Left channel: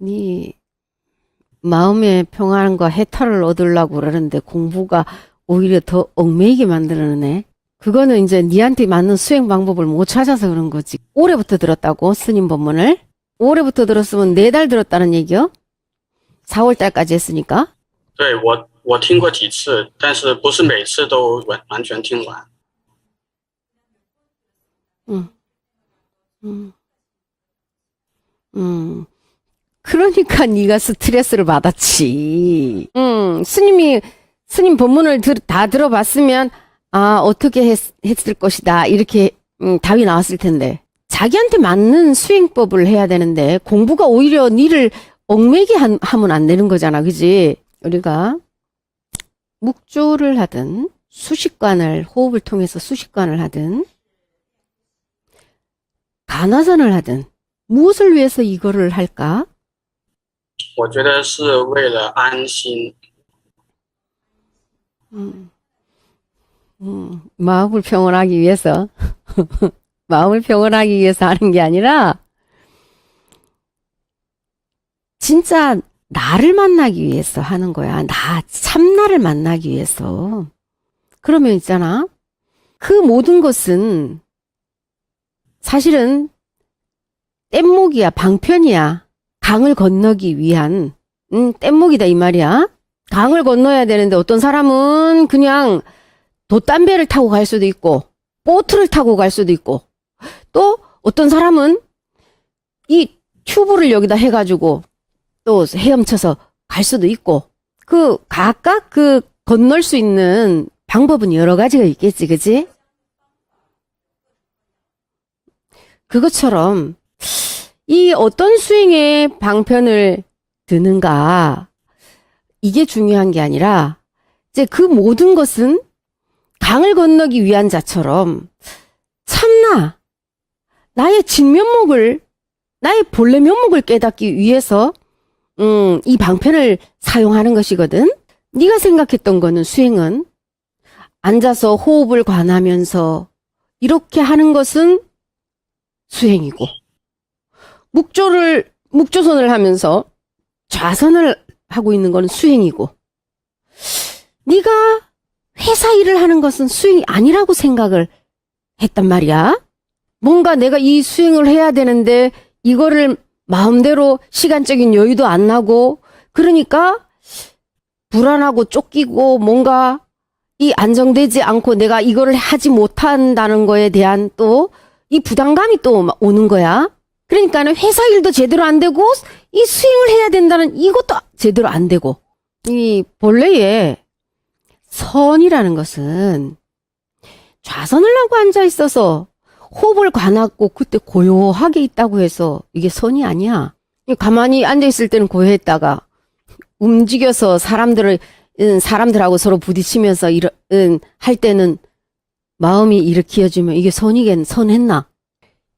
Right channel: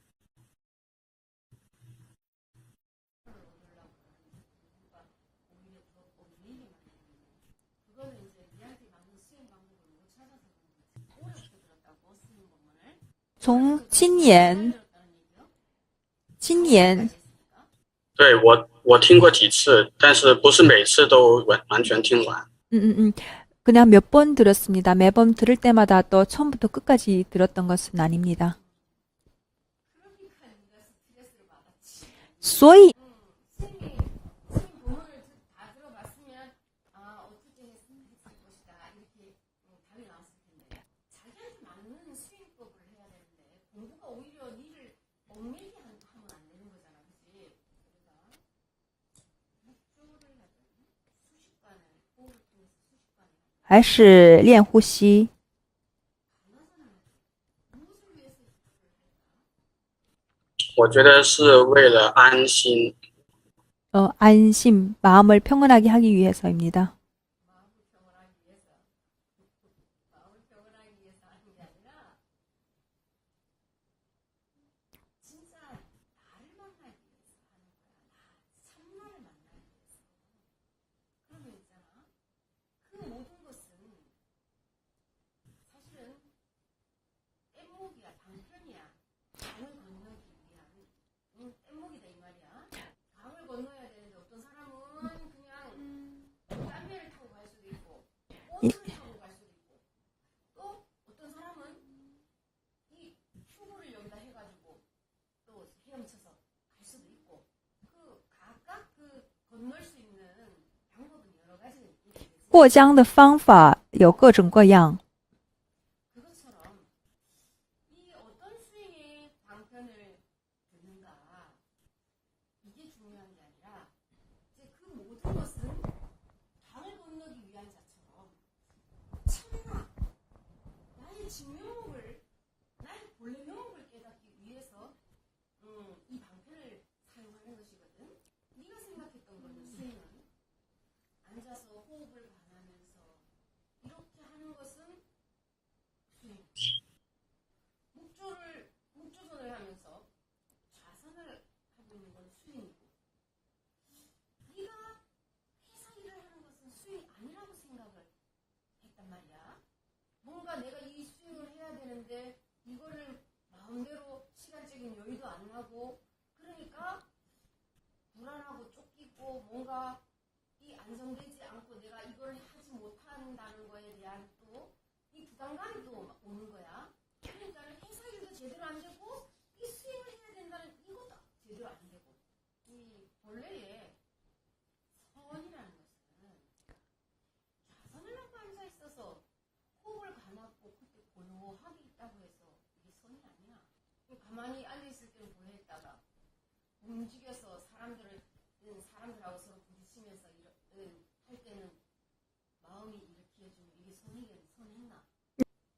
네 마음의 평안과 해탈을 얻으려고 그러는데 공부가 오히려 더 얽매이게 만들어내. 그거는 이제 니한테 맞는 수행 방법을 못 찾아서 그런 거지. 올해부터 들었다고, 스님 법문을? 올해부터 들었으면 4달 들었다는 얘기요? 4월 今年 달까지 했으니까. 对，我听过几次，但是不是每次都完全听完。 그냥 몇 번 들었습니다. 매번 음. 들을 때마다 또 처음부터 음. 끝까지 들었던 것은 아닙니다. 그러니까 네가 스트레스를 받았지. 所以 스님 법문을 다 들어봤으면 아 어떻게 했을 것이다 이렇게 답이 나왔을 텐데 자기한테 맞는 수행법을 해야 되는데 공부가 오히려 니를 얽매게 하면 안 되는 거잖아, 그지? 우리가 묵조를 하든 수식관을 호흡을 통해서 수식관을 하든 还是练呼吸， 간화선을 하든 무엇을 위해서 이거를 할까? 我觉得是为了安心。 안심, 마음을 평온하게 하기 위해서입니다. 마음을 평온하기 위해서 마음을 평온하기 위해서 하는 게 아니라 진짜 나를 만나기 위해서 하는 거야. 참나를 만나기 위해서. 그러면 있잖아. 그 모든 것은 사실은 뗏목이야, 방편이야. 강을 건너기 위한 뗏목이다 이 말이야. 강을 건너야 되는데 어떤 사람은 그냥 돛담배를 타고 갈 수도 있고 보트를 타고 갈 수도 있고 또 어떤 사람은 이 튜브를 여기다 해가지고 또 헤엄쳐서 갈 수도 있고 각각 건널 수 있는 방법은 여러 가지가 있겠지, 그치? 过江的方法有各种各样。 그것처럼 이 어떤 수행의 방편을 드는가 이게 중요한 게 아니라 이제 그 모든 것은 강을 건너기 위한 자처럼 참나 나의 진면목을 나의 본래 면목을 깨닫기 위해서 이 방편을 사용하는 것이거든. 네가 생각했던 거는 수행은 앉아서 호흡을 관하면서 이렇게 하는 것은 수행이고 묵조선을 하면서 좌선을 하고 있는 건 수행이고 네가 회사 일을 하는 것은 수행이 아니라고 생각을 했단 말이야. 뭔가 내가 이 수행을 해야 되는데 이거를 마음대로 시간적인 여유도 안 나고 그러니까 불안하고 쫓기고 뭔가 이 안정되지 않고 내가 이거를 하지 못한다는 거에 대한 또 이 부담감이 또 오는 거야. 그러니까는 회사 일도 제대로 안 되고 이 수행을 해야 된다는 이것도 제대로 안 되고 이 본래의 선이라는 것은 좌선을 하고 앉아 있어서 호흡을 관하고 그때 고요하게 있다고 해서 이게 선이 아니야. 가만히 앉아 있을 때는 고요했다가 움직여서 사람들하고 서로 부딪히면서 할 때는 마음이 일으켜지면 이게 선했나?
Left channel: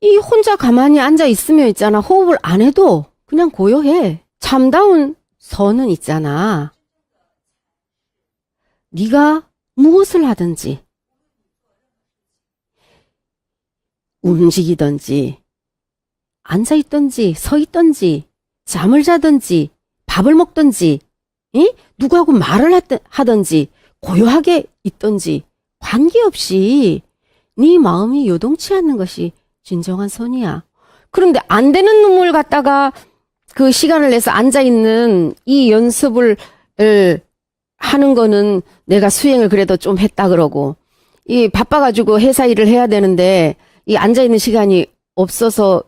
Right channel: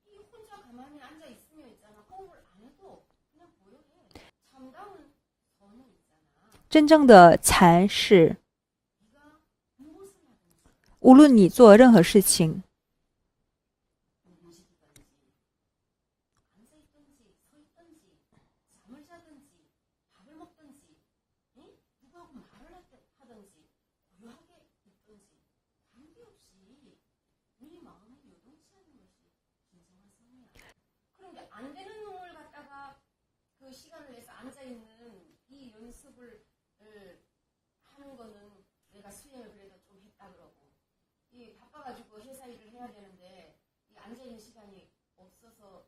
이 혼자 가만히 앉아 있으면 있잖아. 호흡을 안 해도 그냥 고요해. 참다운 선은 있잖아. 真正的禅是 네가 무엇을 하든지 无论你做任何事情 움직이든지 앉아있든지 서있든지 잠을 자든지 밥을 먹든지 누구하고 말을 하든지 고요하게 있든지 관계없이 네 마음이 요동치 않는 것이 진정한 선이야. 그런데 안 되는 놈을 갖다가 그 시간을 내서 앉아있는 이 연습을 하는 거는 내가 수행을 그래도 좀 했다 그러고 이 바빠가지고 회사 일을 해야 되는데 이 앉아있는 시간이 없어서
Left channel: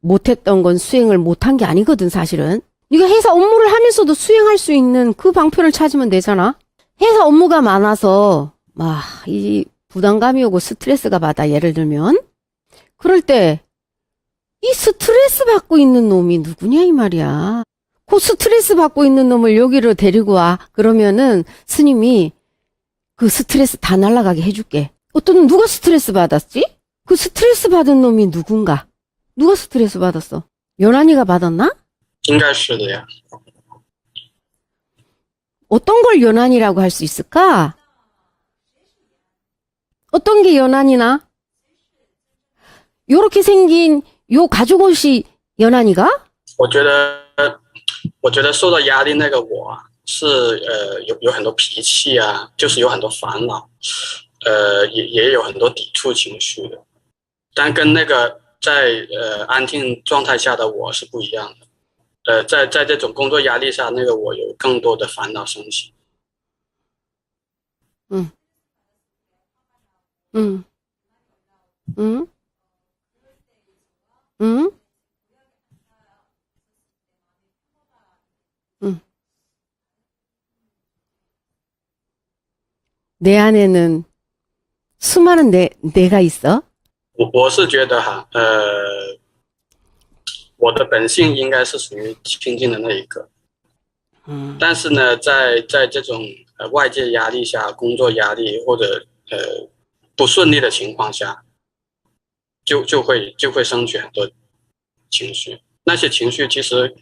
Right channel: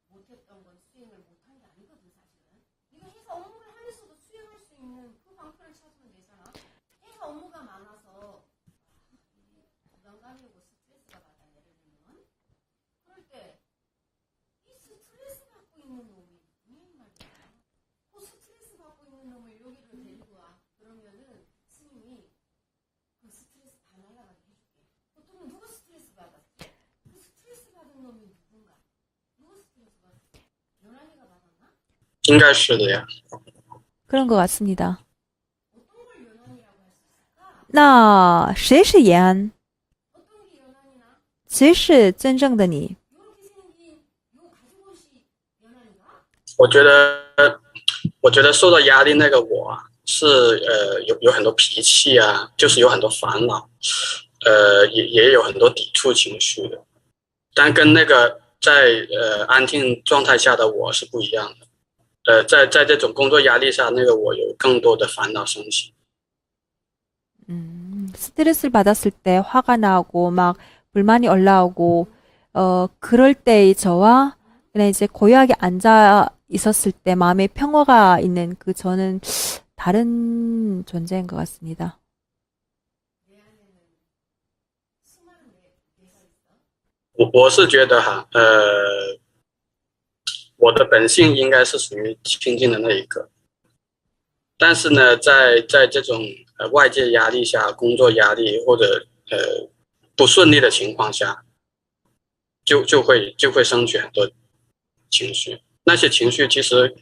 못했던 건 수행을 못한 게 아니거든 사실은. 네가 회사 업무를 하면서도 수행할 수 있는 그 방편을 찾으면 되잖아. 회사 업무가 많아서 막 이 부담감이 오고 스트레스가 받아 예를 들면 그럴 때 이 스트레스 받고 있는 놈이 누구냐 이 말이야. 그 스트레스 받고 있는 놈을 여기로 데리고 와. 그러면은 스님이 그 스트레스 다 날아가게 해줄게. 누가 스트레스 받았지? 그 스트레스 받은 놈이 누군가? 누가 스트레스 받았어? 연한이가 받았나? 应该是的呀。 그런 것 같습니다. 어떤 걸 연한이라고 할 수 있을까? 那谁是延安？ 어떤 게 연한이나? 谁是真正的你？ 요렇게 생긴 요 가죽옷이 연한이가? 我觉得，我觉得受到压力那个我啊，是有很多脾气啊，就是有很多烦恼，也有很多抵触情绪的，但跟那个在安静状态下的我是不一样的。在这种工作压力下，那个我有更多的烦恼升起。 스트레스를 받았을 때 화가 나고 막 음, 불만이 올라오고 음, 그럴 때의 저와 그냥 이제 고요하게 앉아 있었을 때 마음의 평화가 있는 그 저는 다른 존재인 것 같습니다. 내 안에는 수많은 내가 있어. 我是觉得哈，我的本性应该是属于清净的那一个，但是呢，在这种外界压力下，工作压力或者不顺利的情况下，就会升起很多情绪。那些情绪其实，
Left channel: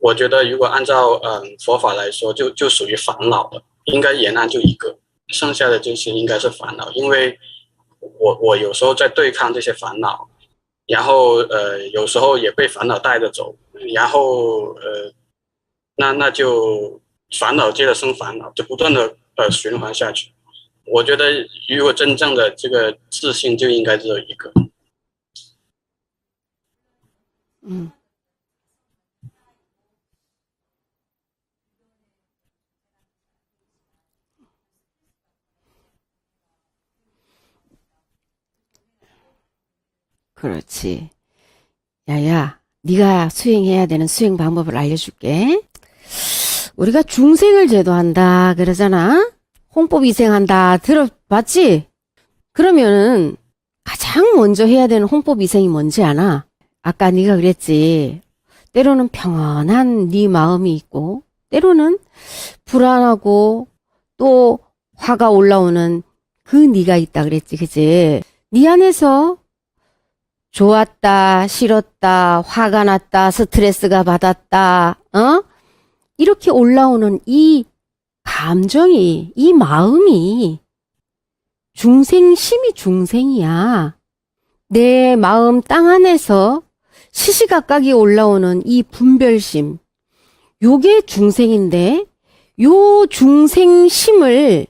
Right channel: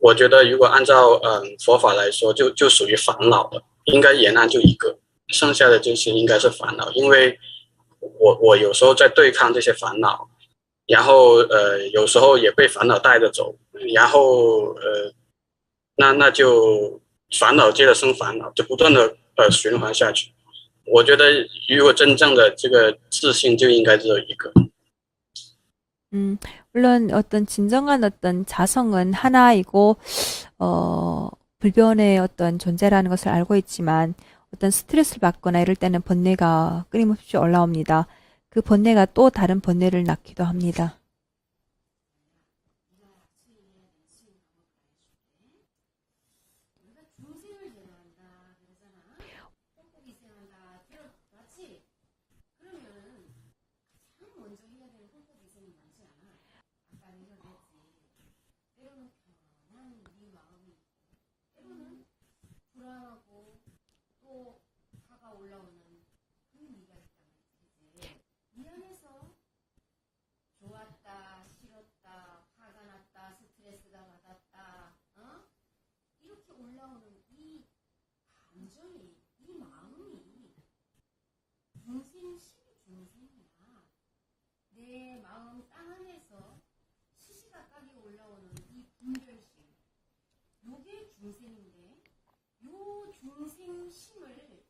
我觉得如果按照佛法来说，就属于烦恼的，应该延安就一个，剩下的就是应该是烦恼，因为我有时候在对抗这些烦恼，然后有时候也被烦恼带着走，然后那就烦恼接着生烦恼，就不断的循环下去。我觉得如果真正的这个自信就应该只有一个。 물론 어떤 진정한 어떤 자성은 하나이고 불변의 어떤 존재라는 것을 알고 있지만 어떤 스트레스를 받거나 이럴 때는 번뇌가 끊임없이 올라옵니다. 그 번뇌가 또 다른 번뇌를 낳기도 합니다. 그렇지. 야야, 네가 수행해야 되는 수행 방법을 알려줄게. 우리가 중생을 제도한다 그러잖아. 홍법이생한다 들어봤지? 그러면은 가장 먼저 해야 되는 홍법이생이 뭔지 아나? 아까 네가 그랬지. 때로는 평온한 네 마음이 있고 때로는 불안하고 또 화가 올라오는 그 네가 있다 그랬지, 그치? 네 안에서 좋았다, 싫었다, 화가 났다, 스트레스가 받았다, 이렇게 올라오는 이 감정이, 이 마음이 중생심이 중생이야. 내 마음 땅 안에서 시시각각이 올라오는 이 분별심, 요게 중생인데, 요 중생심을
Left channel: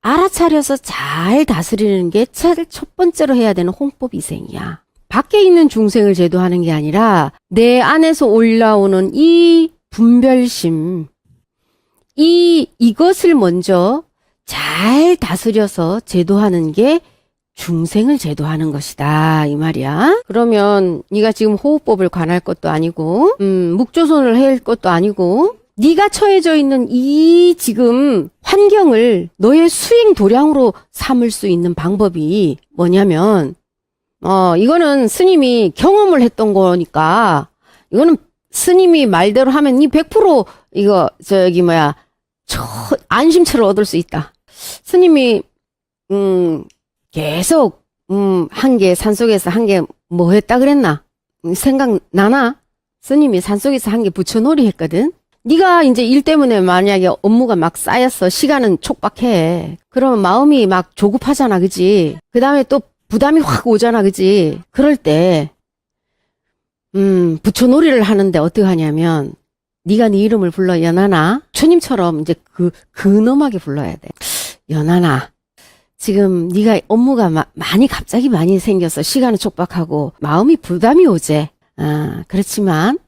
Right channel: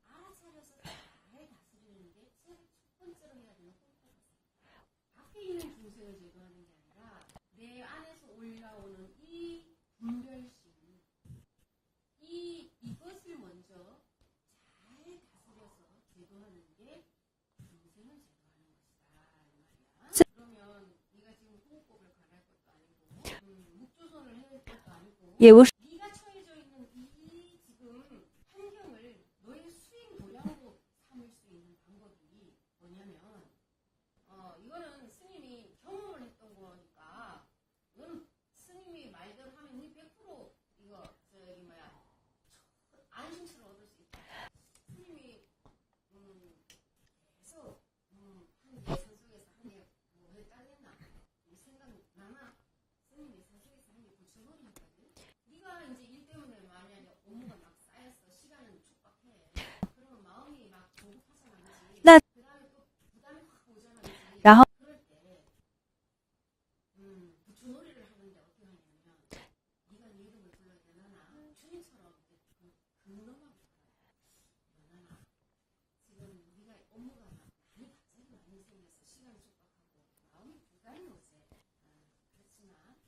알아차려서 잘 다스리는 게 첫 번째로 해야 되는 홍법이생이야. 밖에 있는 중생을 제도하는 게 아니라 내 안에서 올라오는 이 분별심, 이것을 먼저 잘 다스려서 제도하는 게 중생을 제도하는 것이다 이 말이야. 그러면 네가 지금 호흡법을 관할 것도 아니고 묵조선을 할 것도 아니고 네가 처해져 있는 이 지금 환경을 너의 수행 도량으로 삼을 수 있는 방법이 뭐냐면 이거는 스님이 경험을 했던 거니까 이거는 스님이 말대로 하면 이 100% 이거 안심처를 얻을 수 있다. 스님이 계속 한 게 산속에서 한 게 뭐 했다 그랬나? 생각나나? 스님이 산속에서 한 게 부처놀이 했거든. 네가 이제 일 때문에 만약에 업무가 막 쌓였어. 시간은 촉박해. 그러면 마음이 막 조급하잖아. 그지? 그 다음에 또 부담이 확 오잖아. 그지? 그럴 때 부처놀이를 하는데 어떻게 하냐면 네가 네 이름을 불러. 연하나. 부처님처럼 이제 근엄하게 불러야 돼. 연하나. 지금 네가 업무가 갑자기 많이 생겨서 시간은 촉박하고 마음이 부담이 오지. 그렇지만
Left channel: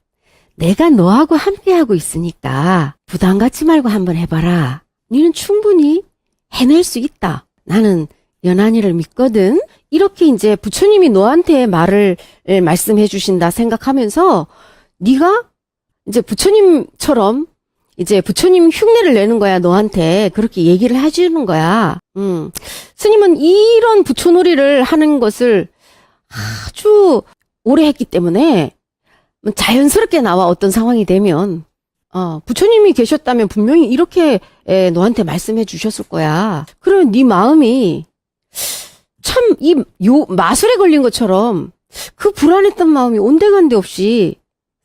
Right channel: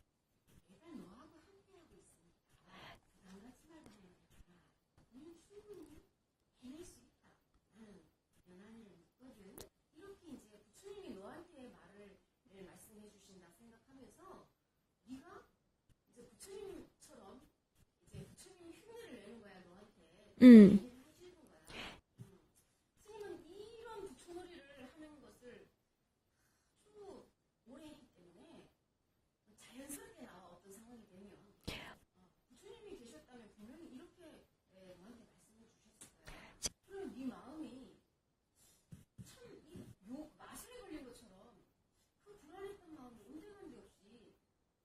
내가 너하고 함께하고 있으니까 부담 갖지 말고 한번 해봐라. 너는 충분히 해낼 수 있다. 나는 연한이를 믿거든. 이렇게 이제 부처님이 너한테 말씀해 주신다 생각하면서 네가 이제 부처님처럼 이제 부처님 흉내를 내는 거야, 너한테. 그렇게 얘기를 해주는 거야. 스님은 이런 부처놀이를 하는 것을 아주 오래 했기 때문에 자연스럽게 나와, 어떤 상황이 되면. 부처님이 계셨다면 분명히 이렇게 너한테 말씀해 주셨을 거야. 그러면 네 마음이 참 마술에 걸린 것처럼 그 불안했던 마음이 온데간데 없이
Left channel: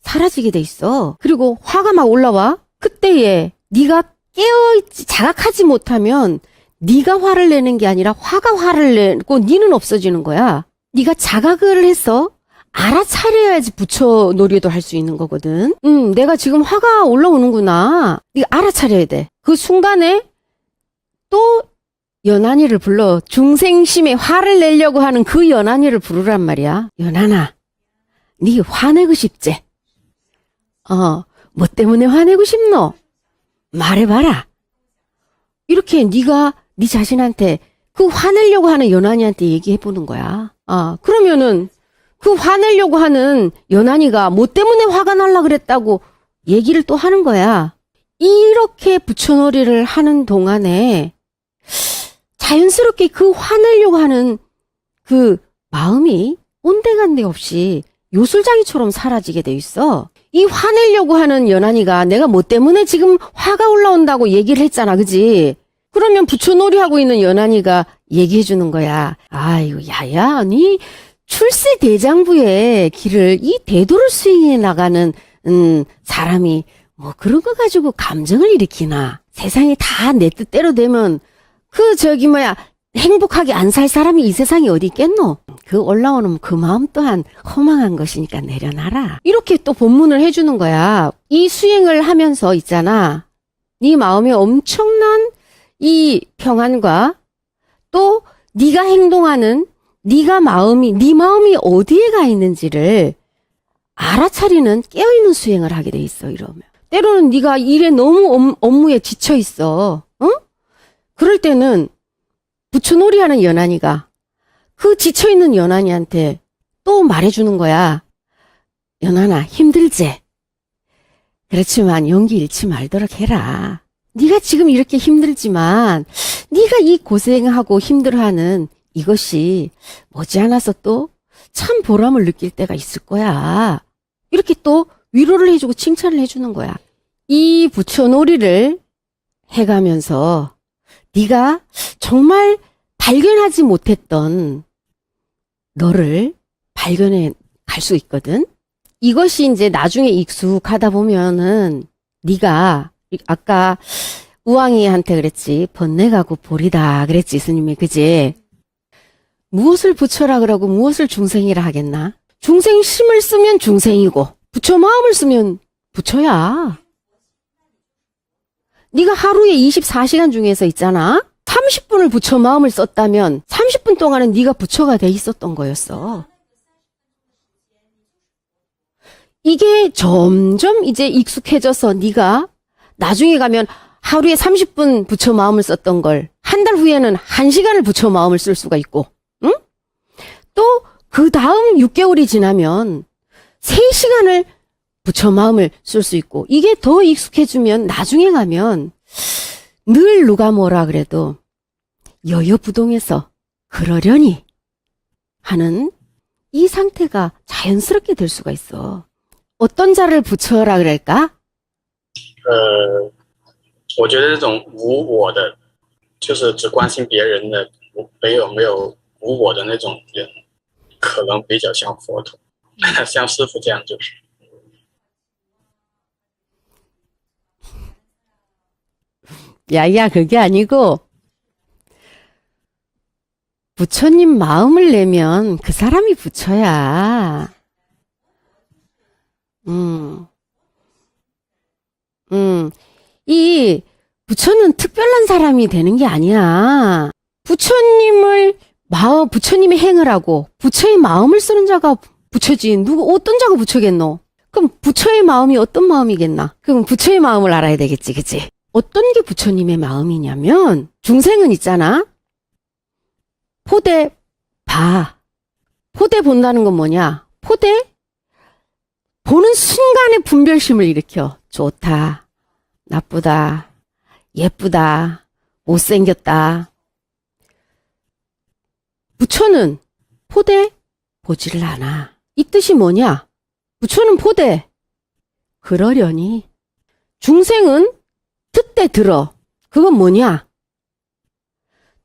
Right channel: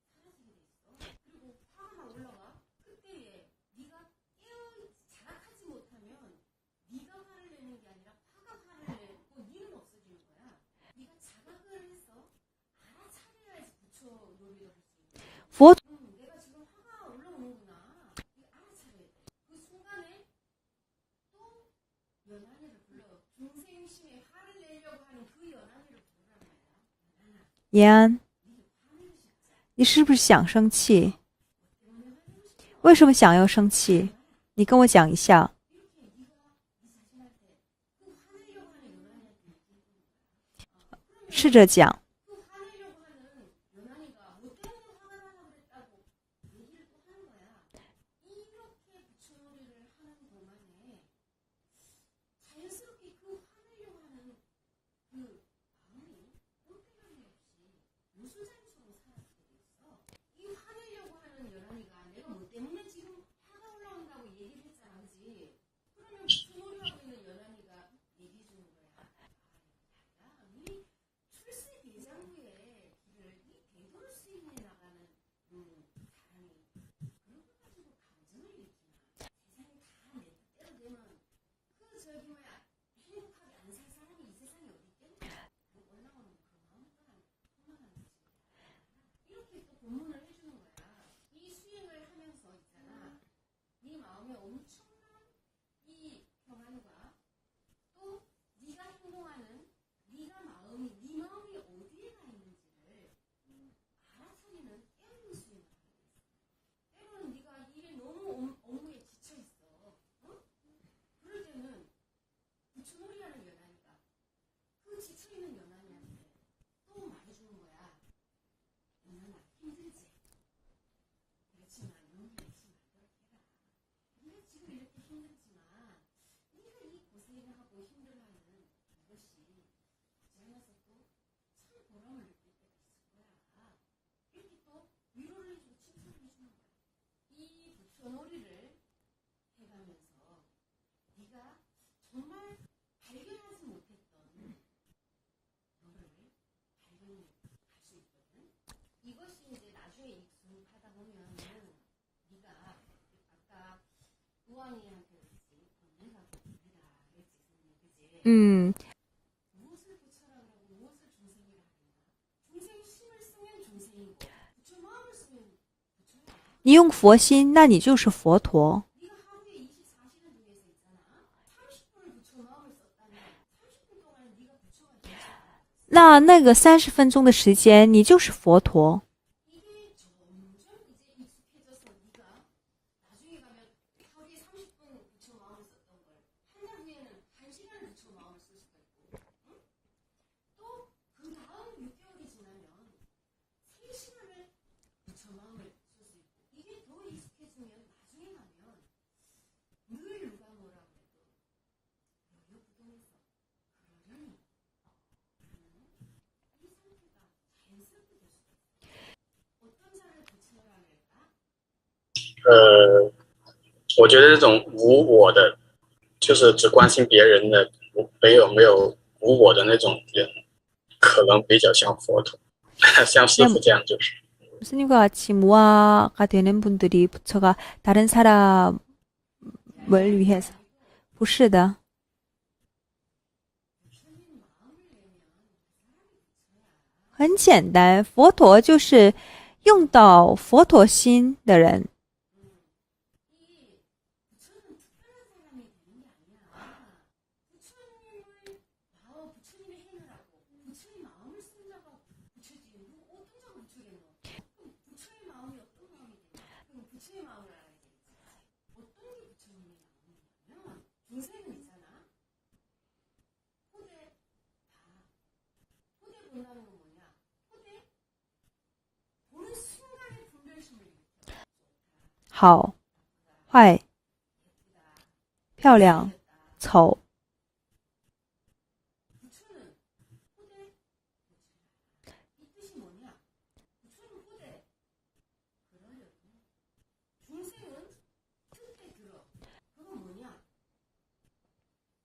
사라지게 돼 있어. 그리고 화가 막 올라와. 그때에 네가 깨어있지, 자각하지 못하면 네가 화를 내는 게 아니라 화가 화를 내고 네는 없어지는 거야. 네가 자각을 해서 알아차려야지 부처 놀이도 할 수 있는 거거든. 어? 내가 지금 화가 올라오는구나. 네가 알아차려야 돼. 그 순간에 또 연한이를 불러. 중생심에 화를 내려고 하는 그 연한이를 부르란 말이야. 연한아, 延安， 네 화내고 싶지? 你是不是想生气？ 뭐 때문에 화내고 싶노? 为什么想要生气？ 말해봐라. 你跟我讲一下。 이렇게 네가 네 자신한테 그 화내려고 하는 연한이한테 얘기해보는 거야. 试着 그러면은 讲， 그 화내려고 하는 연한이가 뭐 때문에 화가 날라 그랬다고 얘기를 또 하는 거야. 이렇게 부처놀이를 하는 동안에 자연스럽게 그 화내려고 하는 그 마음이 온데간데 없이 요술장이처럼 사라지게 돼 있어. 이 화내려고 하는 연한이가 내가 뭐 때문에 지금 화가 올라온다고 얘기를 했잖아, 그지? 그러면 부처놀이 하고 있는 연한이가 얘기해 주는 거야. 아이고, 야야, 니 출세 대장부의 길을 이 대도를 수행해 나가는 사람이 뭐 그런 거 가지고 감정을 일으키나. 세상이 다 내 뜻대로 되면 그 저기 뭐야 행복하게 안 살 사람이 이 세상에 어디 있겠노? 그 올라오는 그 마음 또한 허망한 것이니까 내려놔라. 이렇게 또 본문을 해주는 거야. 이 수행을 하면서 있잖아. 네 마음에 엄청난 이 평안과 또 네가 행동하는 네 마음이 어디에 가 있는지를 알아차리는 깨어있는 수행을 하게 돼 있어. 이러면 때로는 네가 일에 너무 업무에 지쳐 있어. 그럴 때는 부처놀이 하는 연한이가 그 지쳐있는 연한이한테 또 말해주는 거야. 연한아, 힘들지? 그렇지만 용기 잃지 말도록 해라. 네가 지금 이렇게 힘들지만 네가 이 고생하고 힘들어하는 이것이 머지않아서 또 참 보람을 느낄 때가 있을 거야. 이렇게 또 위로를 해주고 칭찬을 해주는 거야. 이 부처놀이를 해가면서 네가 정말 발견하지 못했던 너를 발견해 갈 수 있거든. 이것이 이제 나중에 익숙하다 보면은 네가 아까 우왕이한테 그랬지. 번뇌가고 보리다 그랬지, 스님이. 그지? 嗯， 무엇을 부처라 그러고 무엇을 중생이라 하겠나? 중생심을 쓰면 중생이고 부처 마음을 쓰면 부처야. 你用佛心，那你就是佛陀。 네가 하루에 24시간 중에서 있잖아. 30분을 부처 마음을 썼다면 30분 동안은 네가 부처가 돼 있었던 거였어. 那个30分钟的时间，你就是佛陀。 이게 점점 이제 익숙해져서 네가 나중에 가면 하루에 30분 부처 마음을 썼던 걸 한 달 후에는 1시간을 부처 마음을 쓸 수가 있고, 응? 또 그 다음 6개월이 지나면 3시간을 부처 마음을 쓸 수 있고, 이게 더 익숙해지면 나중에 가면 늘 누가 뭐라 그래도 여여부동해서 그러려니 하는 이 상태가 자연스럽게 될 수가 있어. 어떤 자를 부처라 그럴까? 我觉得这种无我的，就是只关心别人的，没有无我的那种人，可能比较像佛陀，像师父这样就是。 스님과 같이 무아가 되는 분들이 부처가 다른 사람 야야, 그게 아니고 不是的， 부처님 마음을 내면 그 사람이 부처야. 很简单，佛陀就是用到佛陀心的人。 이 부처는 특별한 사람이 되는 게 아니야. 부처님의 행을 하고 부처의 마음을 쓰는 자가 부처지. 어떤 자가 부처겠노? 그럼 부처의 마음이 어떤 마음이겠나? 그럼 부처의 마음을 알아야 되겠지, 그치? 어떤 게 부처님의 마음이냐면, 중생은 있잖아. 포대 봐. 포대 본다는 건 뭐냐? 포대 보는 순간에 분별심을 일으켜. 좋다, 好， 나쁘다, 坏， 예쁘다, 漂亮， 못생겼다. 丑。 부처는 포대 보지를 않아. 이 뜻이 뭐냐? 부처는 포대 그러려니. 중생은 듣되 들어. 그건 뭐냐?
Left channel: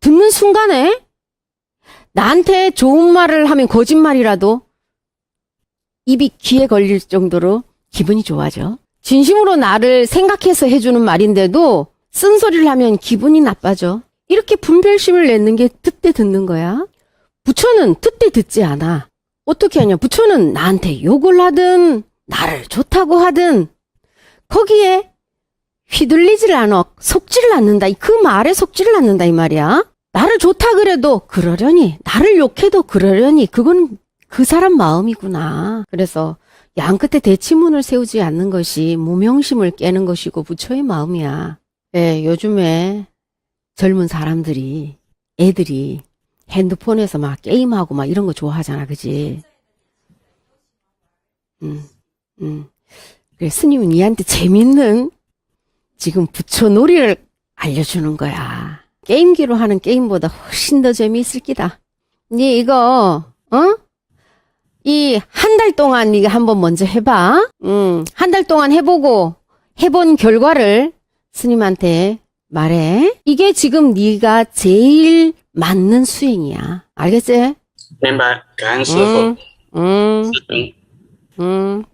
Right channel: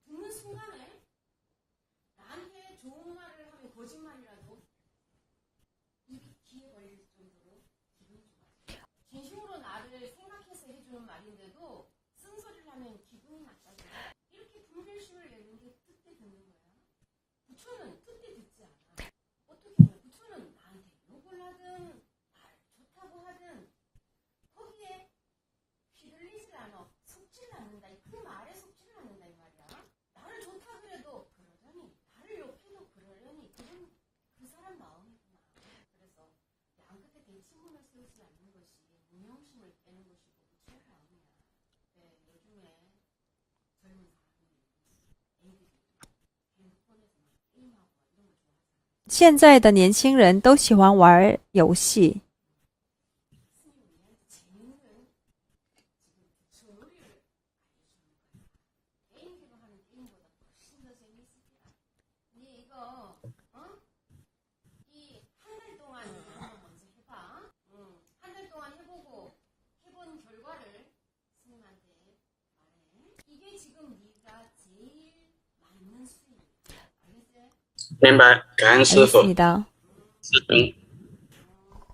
듣는 순간에 나한테 좋은 말을 하면 거짓말이라도 입이 귀에 걸릴 정도로 기분이 좋아져. 진심으로 나를 생각해서 해주는 말인데도 쓴소리를 하면 기분이 나빠져. 이렇게 분별심을 내는 게 듣되 듣는 거야. 부처는 듣되 듣지 않아. 어떻게 하냐? 부처는 나한테 욕을 하든 나를 좋다고 하든 거기에 휘둘리지를 않아. 속지를 않는다. 그 말에 속지를 않는다 이 말이야. 나를 좋다 그래도 그러려니, 나를 욕해도 그러려니, 그건 그 사람 마음이구나. 그래서 양 끝에 대치문을 세우지 않는 것이 무명심을 깨는 것이고 부처의 마음이야. 예, 요즘에 젊은 사람들이, 애들이 핸드폰에서 막 게임하고 막 이런 거 좋아하잖아, 그지? 现在的年轻人都喜欢玩游戏。 그래, 스님은 니한테 재밌는 지금 부처 놀이를 알려주는 거야. 게임기로 하는 게임보다 훨씬 더 재미있을 기다. 니 이거, 이 한 달 동안 니가 한번 먼저 해봐. 한 달 동안 해보고 해본 결과를 스님한테 말해. 이게 지금 니가 제일 맞는 수행이야. 알겠지? 明白，感恩师傅。 입니다. 师兄。 음.